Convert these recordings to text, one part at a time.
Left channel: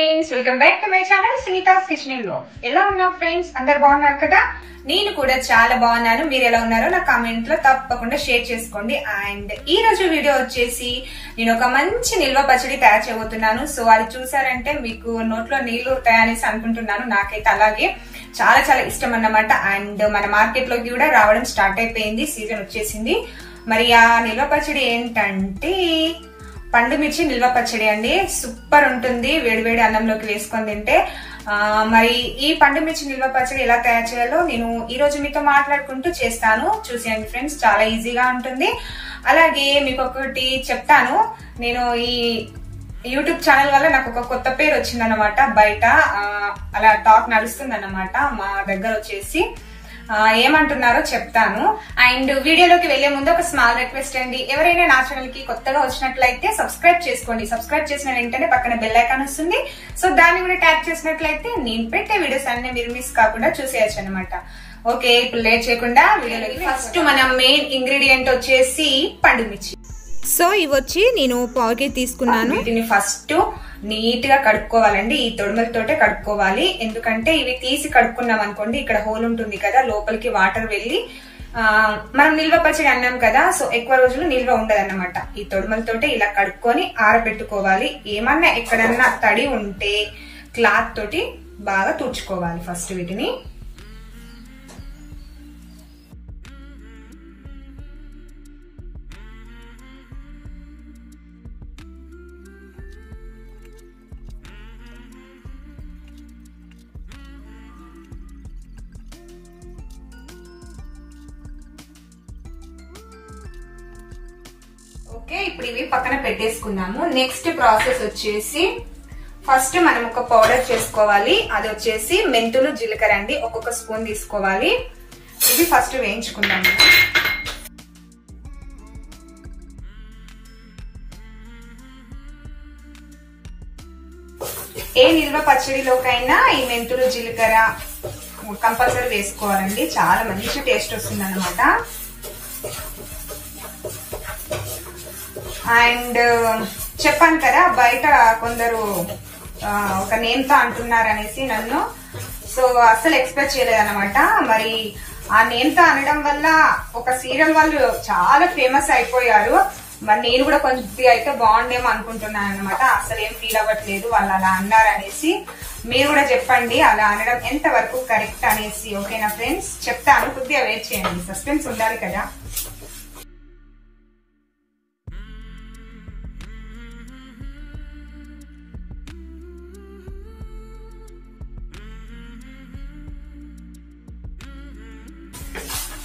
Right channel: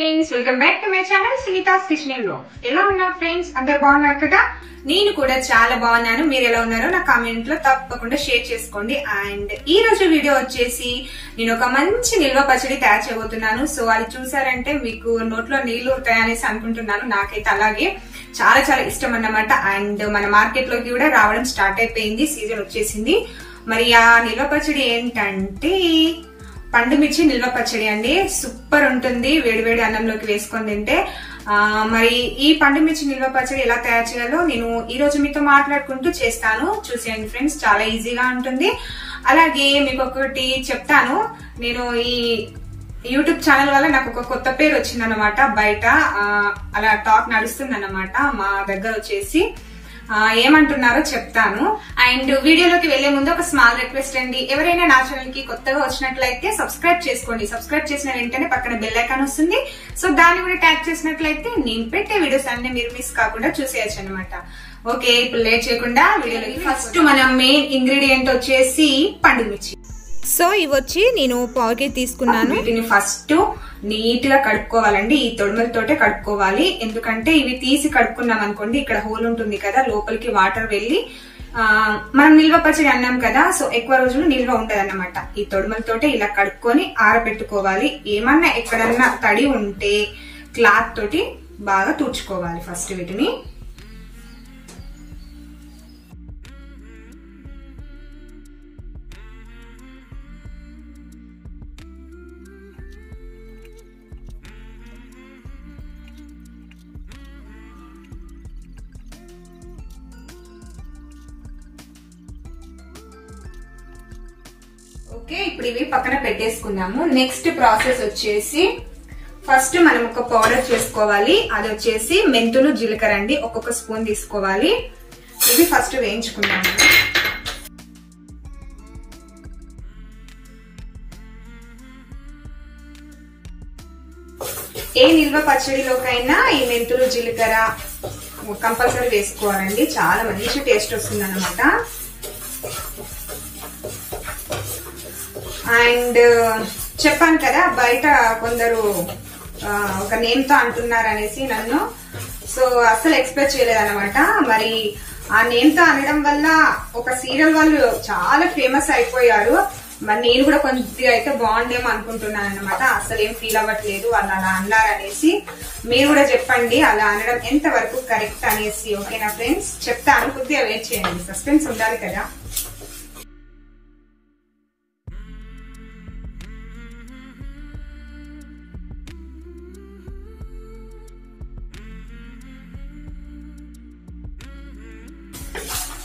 Friends, welcome back to my channel Sunita's kitchen లో. ఎలా ఉన్నారు ఫ్రెండ్స్? అందరు బాగున్నారు కదా? నేను కూడా చాలా బాగున్నాను. మీరు ఎలా ఉన్నారో నా కామెంట్ లో తప్పకుండా షేర్ చేసుకోండి. అండ్ ఈ రోజు వీడియో వచ్చేసి నేను ఒక మంచి నిల్వ పచ్చడి తయారు చేయబోతున్నాను. సో అది చూసారంటే మీకు నోట్లో నీళ్లు తయారేసి అనుకుంటున్నాను. నాకైతే అలాగే చాలా చాలా ఇష్టం అన్నమాట. అండ్ మన మార్కెట్ లోకి కూడా రావడం స్టార్ట్ అయిపోయింది, సీజన్ వచ్చేసింది. మరి ఆ నిల్వ పచ్చడి ఏంటంటే పండుమిర్చి నిల్వ పచ్చడి అండి. సూపర్ ఉంటుంది వేడివేడి అన్నంలోకి వేసుకొని తింటే. మరి ఈ పండుమిర్చి నిల్వ పచ్చడి ఎలా తయారు చేయాలో నేను ఈ రోజు మీతో మాట్లాడుకుంటూ చేస్తాను. చూసేయండి ఫ్రెండ్స్, చాలా ఈజీగా ఉంటుంది. అలాగే మీకు ఒకటి చెప్తాను, నేను ఈ యూట్యూబ్ ఛానల్ వల్ల నాకు ఒక కొత్త పేరు వచ్చిందనమాట. బయట అలా టాక్ నడుస్తుంది అన్నమాట. మా దగ్గర వచ్చేసి ఏమంటున్నారో చెప్తాను. అండ్ వీడియోలోకి వెళ్లే ముందు ఒక స్మాల్ రిక్వెస్ట్ అండి, ఎవరైనా నా ఛానల్ కి కొత్తగా వచ్చినట్లయితే సబ్స్క్రైబ్ చేసుకోండి. సబ్స్క్రైబ్ చేసిన వెంటనే పక్కన బెల్ ఐకాన్ వస్తుంది. సో దాన్ని కూడా ట్యాప్ చేసినట్లయితే నేను పెట్టే వీడియోస్ అన్ని మీరు మిస్ కాకుండా చూసేయచ్చు అనమాట. ఓకే, ఇప్పుడు లేట్ చేయకుండా వీడియోలోకి. ఫస్ట్ మన మెయిన్ ఇంగ్రీడియంట్ వచ్చేసి పండుమిర్చి. సో ఇవి వచ్చి నేను పావుకి తీసుకున్నాను. వీటిని ఫస్ట్ నీట్ గా కడుక్కోవాలండి. ఈ తొడిమలతోటే కడుక్కోవాలి. ఎందుకంటే ఇవి తీసి కడుక్కున్నాం అనుకోండి, ఇక్కడ హోల్ ఉంటుంది కదా, లోపలికి వాటర్ వెళ్లి మనం నిల్వ పచ్చడి అన్నాం కదా, సో ఎక్కువ రోజులు నిల్వ ఉండదన్నమాట. ఈ తొడిమలతోటే ఇలా కడుక్కొని ఆరబెట్టుకోవాలి. ఏమన్నా ఎక్కడన్నా తడి ఉంటే క్లాత్ తోటి బాగా తుడుచుకోవాలి ఫస్ట్ వీటిని. ఓకే, ఇప్పుడు ఇవి పక్కన పెట్టేసుకుందాము. నెక్స్ట్ ప్రాసెస్ వచ్చేసి ఫస్ట్ మనం ఒక పౌడర్ చేసుకోవాలి. అది వచ్చేసి మెంతులు జీలకర్ర అండి, ఒక్కొక్క స్పూన్ తీసుకోవాలి. ఇవి ఫస్ట్ వేయించుకుందాము. ఏ నిల్వ పచ్చడిలోకైనా ఈ మెంతులు జీలకర్ర కంపల్సరీ వేసుకోవాలండి. చాలా మంచి టేస్ట్ వస్తుంది అన్నమాట. అండ్ చెప్పాను కదా, బయట కొందరు ఒక నేమ్ తో అంటున్నారు అనేసి నన్ను. సో అస్సలు ఎక్స్పెక్ట్ చేయలేదన్నమాట. మరి ఆ నేమ్ తో అనడం వల్ల ఒక సీరియల్ వాళ్ళు చాలా ఫేమస్ అయిపోయారు. మరి నేను కూడా కొద్దిగా అయితే బాగుండేమో అనుకుంటున్నాను అనమాట. అసలు ఏం ఫీల్ అవ్వట్లేదు వాళ్ళు అలా అన్నారు అనేసి. మీరు కూడా చెప్పండి అలా అనడం ఎంత వరకు కరెక్ట్ అనేసి. ఓకేనా ఫ్రెండ్స్? చెప్తాను, కొద్దిగా వెయిట్ చేయండి, సస్పెన్స్ ఉండాలి కదా.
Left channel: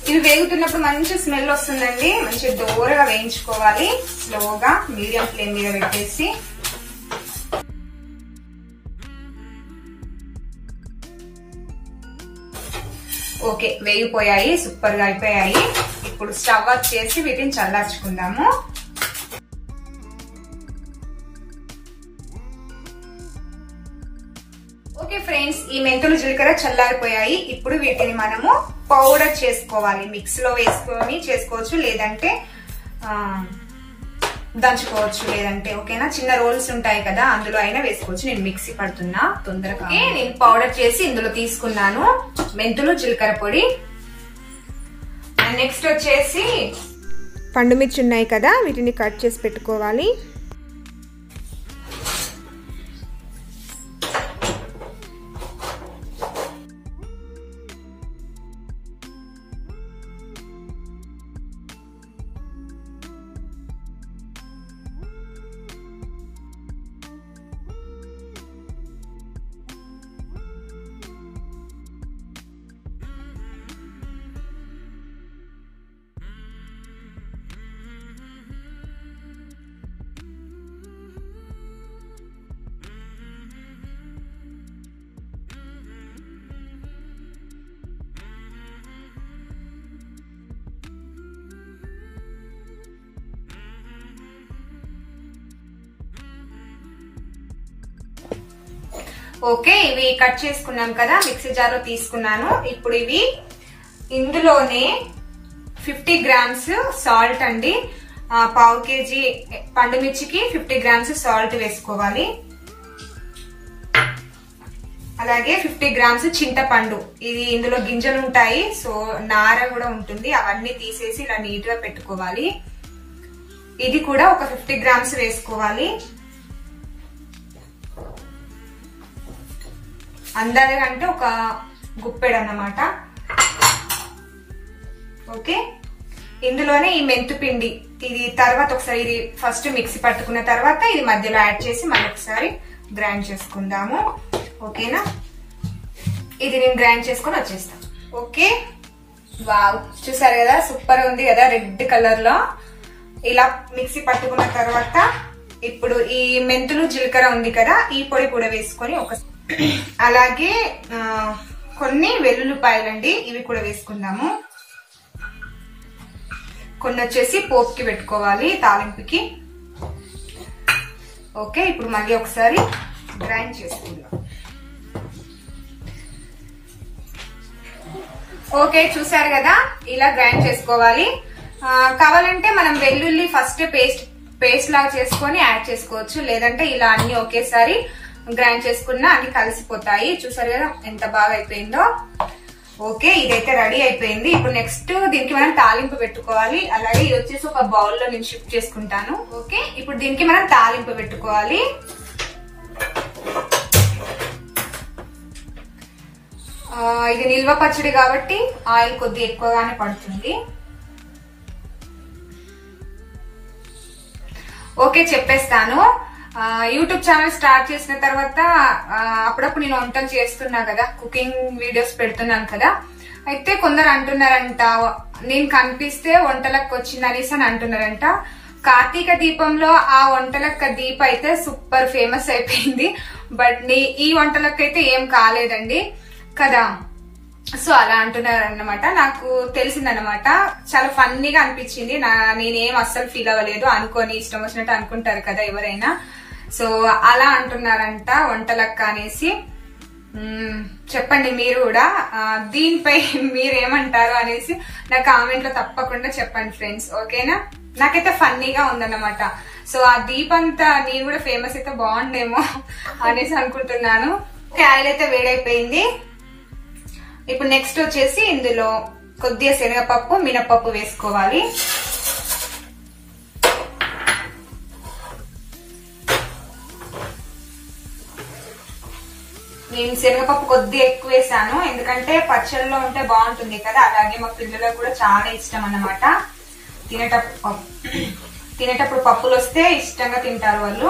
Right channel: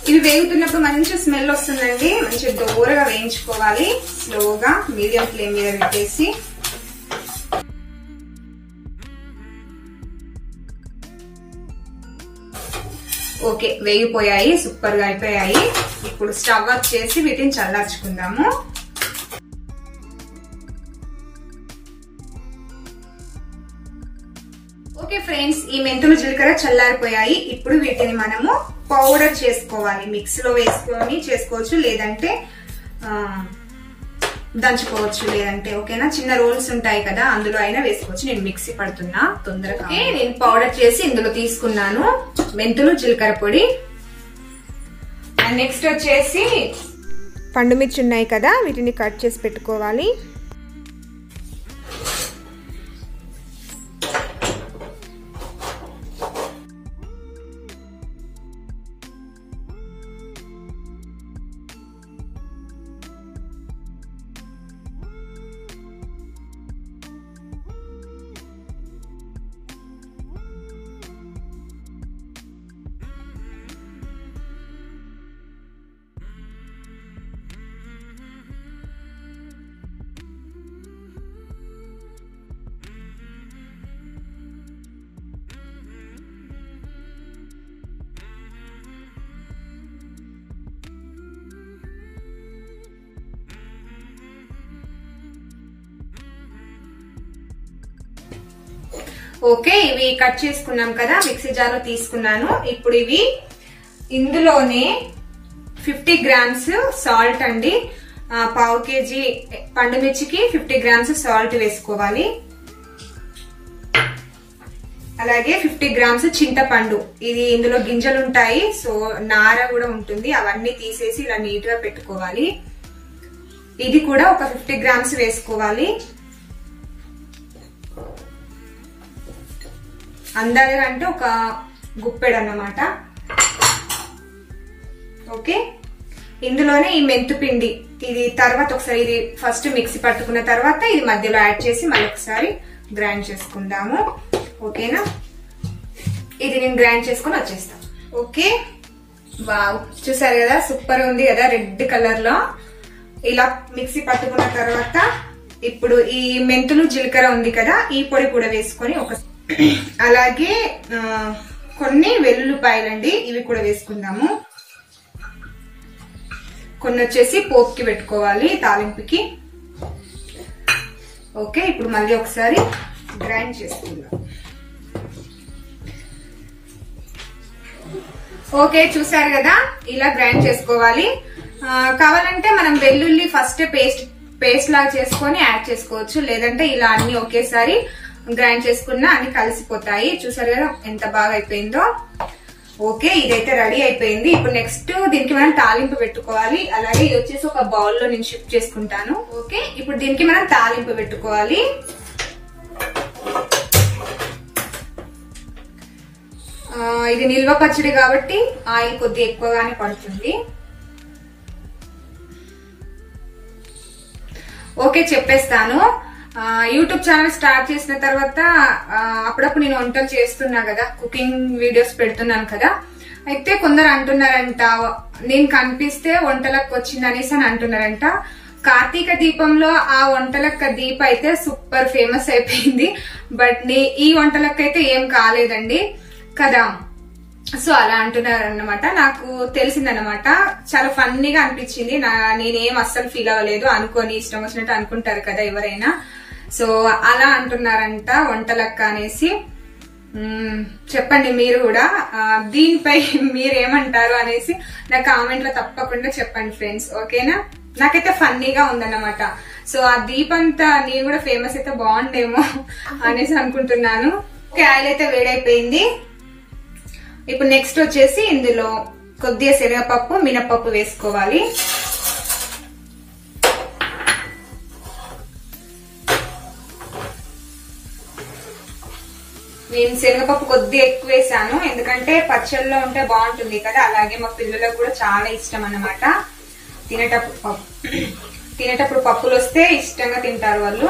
ఇవి వేగుతున్నప్పుడు మంచి స్మెల్ వస్తుందండి. మంచి దూరగా వేయించుకోవాలి. స్లోగా మీడియం ఫ్లేమ్ మీద పెట్టేసి. ఓకే, వేగిపోయాయి, సూపర్ గా అయిపోయాయి. ఇప్పుడు స్టవ్ ఆఫ్ చేసి వీటిని చల్లార్చుకుందాము. ఓకే ఫ్రెండ్స్, ఈ మెంతులు జీలకర్ర చల్లారిపోయాయి. ఇప్పుడు వీటిని మనము పౌడర్ చేసుకోవాలి. మిక్స్ లో వేసుకొని చేసుకోవచ్చు, లేదంటే దంచుకోవచ్చు, లేదంటే ఓకేనా చిన్న రోల్స్ ఉంటాయి కదా, అందులో అయినా వేసుకోవచ్చు. నేను మిక్సీ పడుతున్నా తొందరగా. నేను పౌడర్ చేసి ఇందులో తీసుకున్నాను మెంతులు జీలకర్ర పొడి. అండ్ నెక్స్ట్ వచ్చేసి పండుమిర్చి ఉన్నాయి కదా, వీటిని కట్ చేసి పెట్టుకోవాలి. ఓకే, ఇవి కట్ చేసుకున్నాం కదా, మిక్సీ జార్లో తీసుకున్నాను. ఇప్పుడు ఇవి ఇందులోనే 50 గ్రామ్స్ సాల్ట్ అండి. పావు కేజీ పండుమిర్చికి 50 గ్రామ్స్ సాల్ట్ వేసుకోవాలి. అలాగే 50 గ్రామ్స్ చింతపండు. ఇది ఇందులో గింజలు ఉంటాయి, సో నార కూడా ఉంటుంది. అవన్నీ తీసేసి ఇలా నీట్ గా పెట్టుకోవాలి. ఇది కూడా ఒక 50 గ్రామ్స్ వేసుకోవాలి. అందాజగా అంటే ఒక గుప్పెడు అన్నమాట. ఓకే, ఇందులోనే ఈ మెంతుపిండి, ఇది తర్వాత ఒకసారి ఇది ఫస్ట్ మిక్సీ పట్టుకున్న తర్వాత ఇది మధ్యలో యాడ్ చేసి మళ్ళీ ఒకసారి గ్రైండ్ చేసుకుందాము. ఓకేనా, ఇది నేను గ్రైండ్ చేసుకుని వచ్చేస్తాను. ఓకే, వావ్, చూసారు కదా, సూపర్ ఉంది కదా, రెడ్ కలర్ లో. ఇలా మిక్సీ పట్టుకున్న తర్వాత ఇప్పుడు ఈ మెంతులు జీలకర్ర ఉంది కదా, ఈ పొడి కూడా వేసుకొని అలాగే కొన్ని వెల్లుల్లిపాయలండి, ఇవి కూడా వేసుకుందాము. కొన్ని వచ్చేసి పోపుకి పెట్టుకోవాలి, తాలింపుకి. ఓకే, ఇప్పుడు మళ్ళీ ఒకసారి గ్రైండ్ చేసుకుందాం. ఓకే, చూసారు కదా, ఇలా గ్రైండ్ చేసుకోవాలి. కావాలంటే మనం వెల్లుల్లి ఫస్ట్ పేస్ట్ లాగా చేసుకొని యాడ్ చేసుకోవచ్చు, లేదంటే ఇలా అన్ని ఒకేసారి గ్రైండ్ చేసుకున్నా అన్ని కలిసిపోతాయి. చూసారు కదా ఎంత బాగా అయిపోయిందో. ఓకే, ఇదైతే రెడీ అయిపోయింది. ఇప్పుడు నెక్స్ట్ దీనికి మనం తాలింపు పెట్టుకోవాలి. అలాగే ఇది వచ్చేసి ఒక బౌల్ లో నేను షిఫ్ట్ చేసుకుంటాను. ఓకే, ఇప్పుడు దీనికి మనం తాలింపు పెట్టుకోవాలి. ఇది నిల్వ పచ్చడి కాబట్టి ఆయిల్ కొద్దిగా ఎక్కువగానే పడుతుంది. ఓకే, చెప్పేస్తాను. యూట్యూబ్ ఛానల్ స్టార్ట్ చేసిన తర్వాత అప్పుడప్పుడు నేను వంటలు చేస్తున్నా కదా, కుకింగ్ వీడియోస్ పెడుతున్నాను కదా. అయితే కొందరు అంటున్నారంట, నేను కనిపిస్తే వంటలకు వచ్చింది అనేసి అని అంటున్నారంట. కార్తీక దీపంలో ఆ వంటలక్క దీప అయితే సూపర్ ఫేమస్ అయిపోయింది. బట్ ఈ వంటలక్క అయితే ఏం కాలేదండి కదా. సో అలా అంటున్నారు అన్నమాట. నాకు తెలిసిందన్నమాట, చాలా ఫన్నీగా అనిపించింది. నేనేం అస్సలు ఫీల్ అవ్వలేదు. అనుకోని ఇష్టం వచ్చినట్టు అనుకుంటారు కదా ఎవరైనా. సో అలా అంటున్నారంట వంటలక్క అనేసి. చెప్పండి మీరు కూడా దీనిపై మీరేమంటారు అనేసి నా కామెంట్ లో తప్పకుండా చెప్పండి ఫ్రెండ్స్. ఓకేనా, నాకైతే ఫన్నీగా ఉందన్నమాట. సో ఆ దీపంతా నేను కూడా ఫేమస్ అయితే బాగుండేమో అనేసి అనుకుంటున్నాను. ఆయిల్ అయితే వేడైపోయింది. ఇప్పుడు నెక్స్ట్ వచ్చేసి ఇందులో కొద్దిగా శనగపప్పు, మినపప్పు వేసుకోవాలి. నేను శనగపప్పు కొద్దిగా ఎక్కువ వేసాను, ఎందుకంటే పచ్చళ్ళలో ఉంటే బాగుంటుంది కదా. అలాగే మా పిల్లలకు కూడా చాలా ఇష్టం అన్నమాట. తినేటప్పుడు పప్పులు వస్తే ఇష్టంగా తింటారు వాళ్ళు.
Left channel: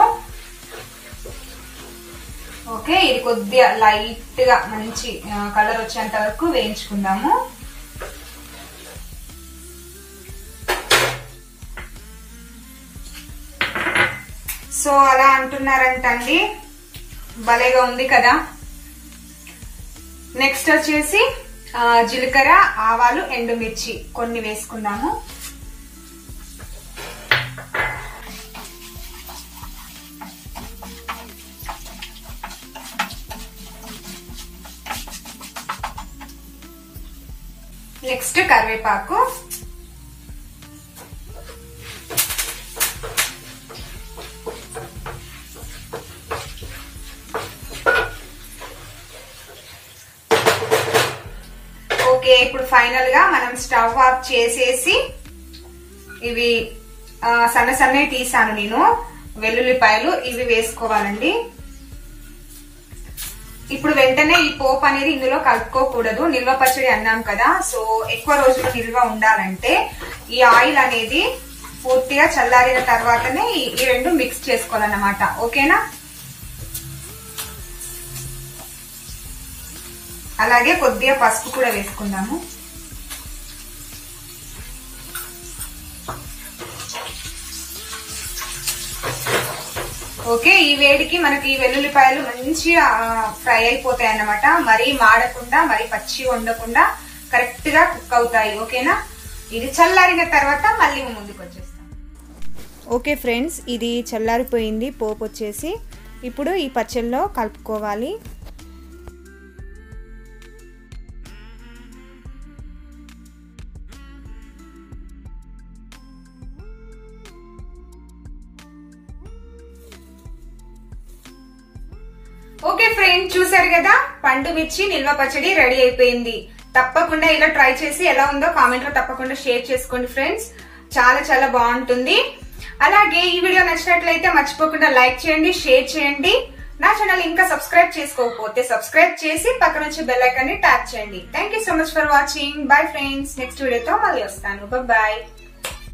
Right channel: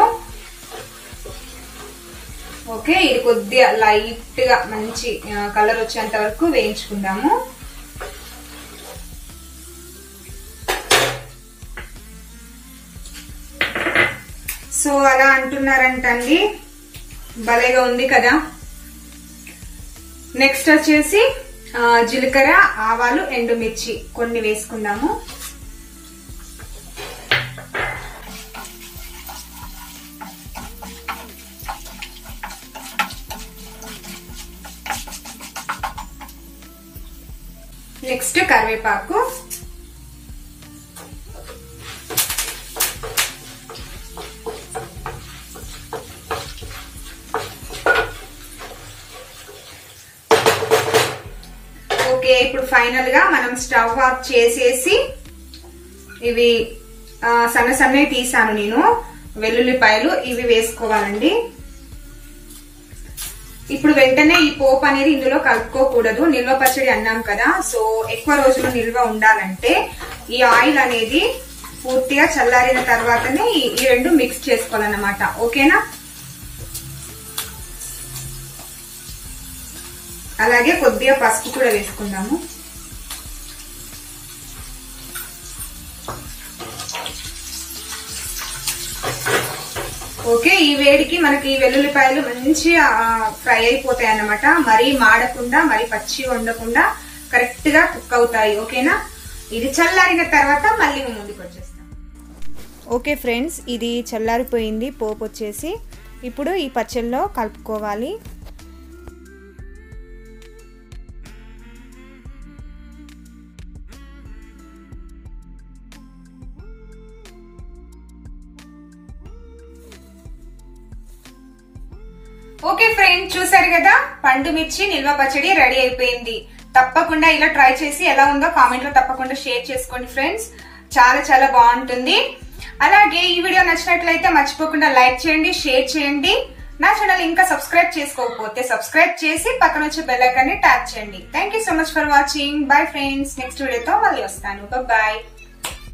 ఓకే, ఇది కొద్దిగా లైట్ గా మంచి కలర్ వచ్చేంత వరకు వేయించుకుందాము. సో అలా అంటున్నారంటండి, భలేగా ఉంది కదా. నెక్స్ట్ వచ్చేసి జీలకర్ర, ఆవాలు, ఎండుమిర్చి కొన్ని వేసుకుందాము. నెక్స్ట్ కరివేపాకు, ఓకే. ఇప్పుడు ఫైనల్ గా మనం స్టవ్ ఆఫ్ చేసేసి ఇవి సన్న సన్నవి తీసాను నేను వెల్లుల్లిపాయలు, ఇవి వేసుకోవాలండి. ఇప్పుడు వెంటనే ఈ పోపు అనేది ఇందులో కలుపుకోకూడదు, నిల్వ పచ్చడి అన్నాం కదా. సో ఎక్కువ రోజులు నిల్వ ఉండాలంటే ఈ ఆయిల్ అనేది పూర్తిగా చల్లారిన తర్వాతనే ఈ రెండు మిక్స్ చేసుకోవాలన్నమాట. ఓకేనా, అలాగే కొద్దిగా పసుపు కూడా వేసుకుందాము. ఓకే, ఈ వేడికి మనకి ఈ వెల్లుల్లిపాయలు మంచిగా ఫ్రై అయిపోతాయి అన్నమాట. మరీ మాడకుండా, మరీ పచ్చి ఉండకుండా కరెక్ట్ గా కుక్ అవుతాయి. ఓకేనా, ఇది చల్లారిన తర్వాత మళ్ళీ ముందుకు వచ్చేస్తాం. ఓకే ఫ్రెండ్స్, ఇది చల్లారిపోయింది పోపు వచ్చేసి. ఇప్పుడు ఈ పచ్చళ్ళలో కలుపుకోవాలి. ఓకే ఫ్రెండ్స్, చూసారు కదా పండు మిర్చి నిల్వ పచ్చడి రెడీ అయిపోయింది. తప్పకుండా ఇలా ట్రై చేసి ఎలా ఉందో కామెంట్ లో తప్పకుండా షేర్ చేసుకోండి ఫ్రెండ్స్. చాలా చాలా బాగుంటుంది. అలాగే ఈ వీడియో నచ్చినట్లయితే మర్చిపోకుండా లైక్ చేయండి, షేర్ చేయండి. నా ఛానల్ ఇంకా సబ్స్క్రైబ్ చేసుకోకపోతే సబ్స్క్రైబ్ చేసి పక్కన వచ్చే బెల్ ఐకాన్ ని ట్యాప్ చేయండి. Thank you so much for watching. Bye friends. Next వీడియోతో మళ్ళీ వస్తాను. బాయ్.